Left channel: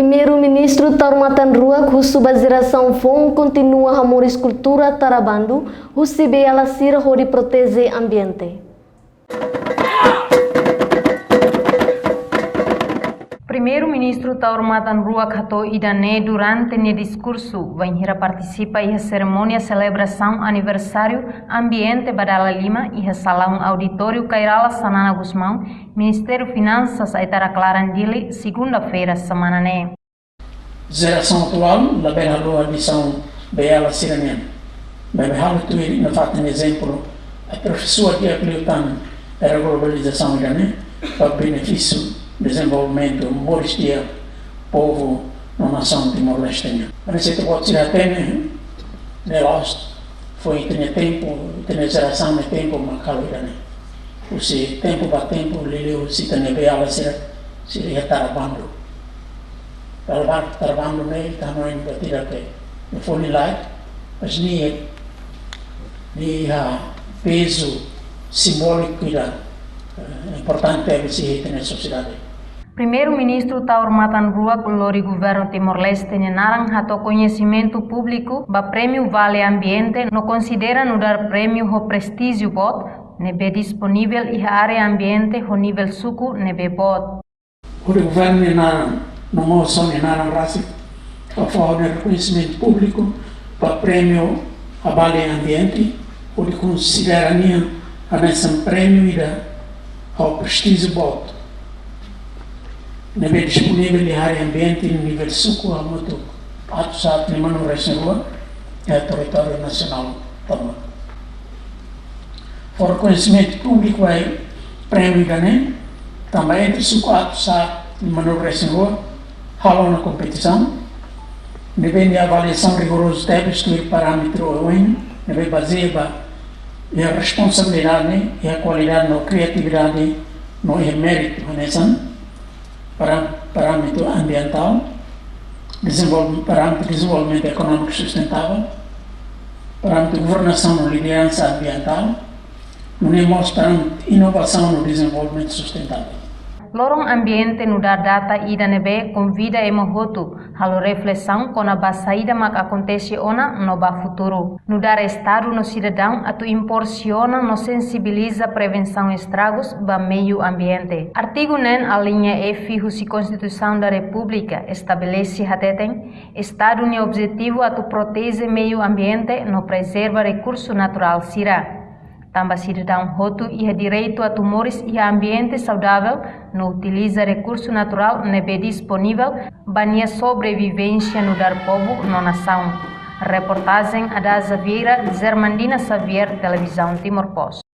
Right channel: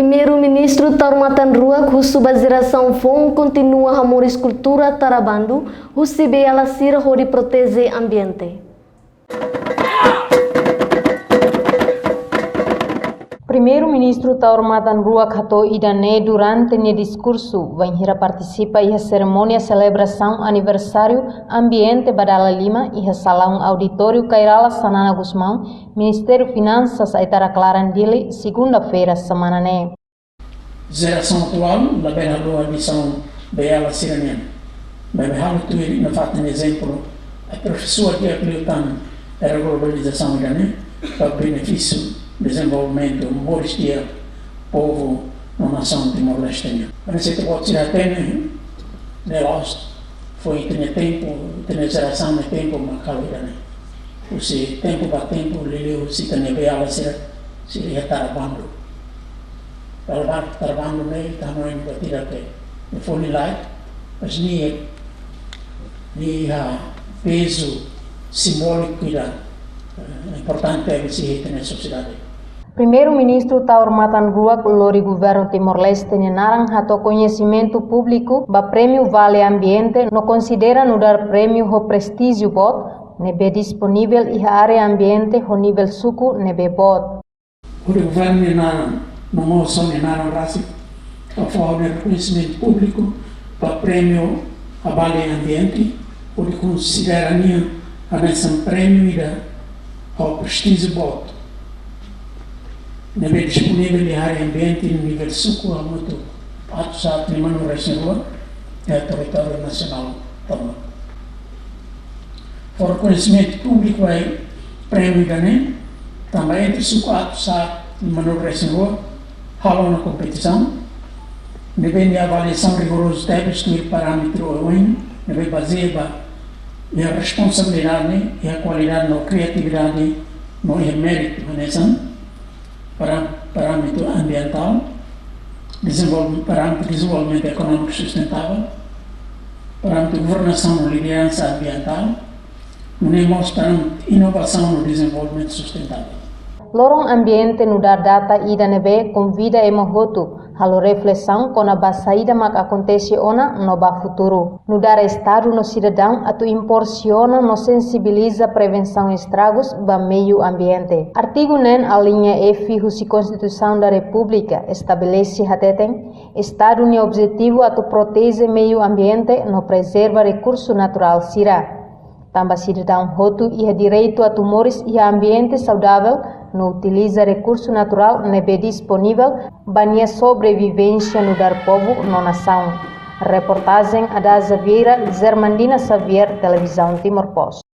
Primeiro-Ministro Taurmatan Ruak, Husu Baziração Fong, continua a moris cultura Tarabandu, Husibe Alasira Hori Protege Ambiente. Primeiro-Ministro Taurmatan Ruak Hato Idane durante o discurso vai participa em cerimônia celebração aniversário ambiente Badala Lima e salão auditório Kairala Sanana Gusmão, Ministério Finanças Aitara Clarandili, segunda-feira semana né. Geração atual, da bela lua de São Bela Siranian. Bem, tu não faz um exemplo, a professora que aplica a globalização né, para benefício desenvolvimento moris dia povo na nação Timor-Leste. A receita pode ser até negócio foi ter tempo, ter geração de tempo macalira né. O se tempo para tempo leleu se tem bela seria Tarabando. Tarabando né, tamanho batida que no fundo lá, mas nem peso simbólico da importante é se na sociedade. Primeiro-Ministro Taurmatan Ruak lori governo Timor-Leste narang hato conhecimento público ba prêmio Vale Ambiente no considera no dar prêmio ho prestígio bot nebe disponível e área ambiente ho nível suku nebe bot. O governo narang no moção narang rasi a favor do reconhecimento público ba prêmio a Vale Ambiente o de considera a nessa prêmio da ho prestígio bot. Nebe disponível em área ambiente no nível suco a muito ato de mano reserva é território nacional também. For conhecimento público é prêmio né também entre suco ato de mano reserva halo na competição nebe a avaliação rigorosa deve estudar parâmetro UN nebe baseia a responsabilidade e a qualidade na criatividade no mérito nessa parâmetro ambiental, parâmetro de desenvolvimento econômico sustentável, parâmetro de governação na liderança ambiental, no parâmetro de inovação no desenvolvimento sustentável. Lorong ambiente no dar data ida nebe convida emohotu halo reflexão com a basaída mak acontece ona no ba futuro. No dar estado no cidadão atu imporciona no sensibiliza prevenção estragos ba meio ambiente. Artigo nen a linha F husi Constituição da República estabelece hateten estado ne objetivo atu protege meio ambiente no preserva recurso natural sira. Tambah cidadão hotu ia direito a tumores e ambiente saudável, no utiliza recurso natural nebe disponível, bania sobrevivência no dar povo no nação. Reportagem Ada Xaviera, Zermandina Xavier, Televisão Timor Post.